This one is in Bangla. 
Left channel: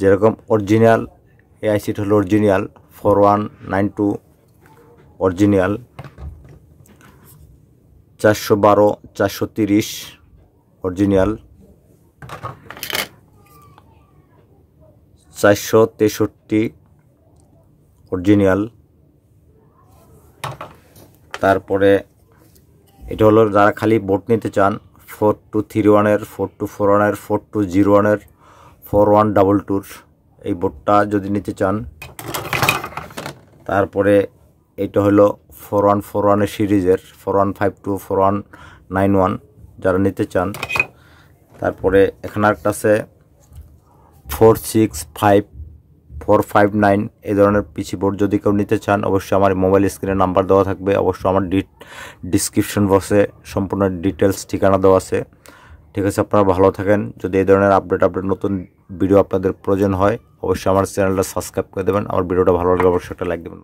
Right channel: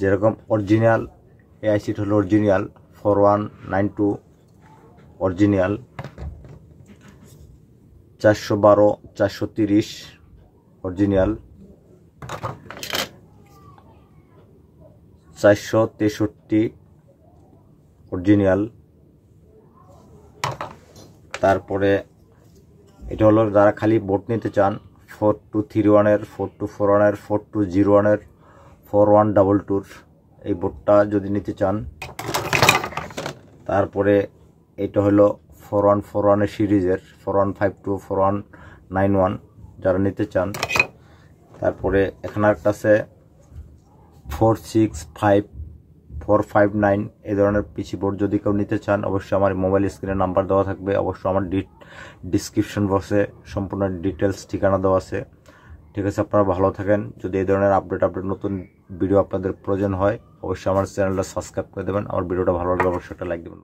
যেরকম অরিজিনাল এই আইসিটা হলো অরিজিনাল 4192 অরিজিনাল 412 430 অরিজিনাল 463 অরিজিনাল। তারপরে এটা হলো যারা খালি বোর্ড নিতে চান 4231 4241 4201 4122 এই বোর্ডটা যদি নিতে চান। তারপরে এটা হলো 4141 সিরিজের 4152 4191 যারা নিতে চান। তারপরে এখানে একটা আছে 465 459 এই ধরনের পিসি বোর্ড যদি কেউ নিতে চান অবশ্যই আমার মোবাইল স্ক্রিনে নাম্বার দেওয়া থাকবে, অবশ্যই আমার ডিসক্রিপশন বক্সে সম্পূর্ণ ডিটেলস ঠিকানা দেওয়া আছে। ঠিক আছে, আপনারা ভালো থাকেন। যদি এই ধরনের আপডেট নতুন ভিডিও আপনাদের প্রয়োজন হয় অবশ্যই আমার চ্যানেলটা সাবস্ক্রাইব করে দেবেন। আমার ভিডিওটা ভালো লাগলে অবশ্যই একটা লাইক দেবেন।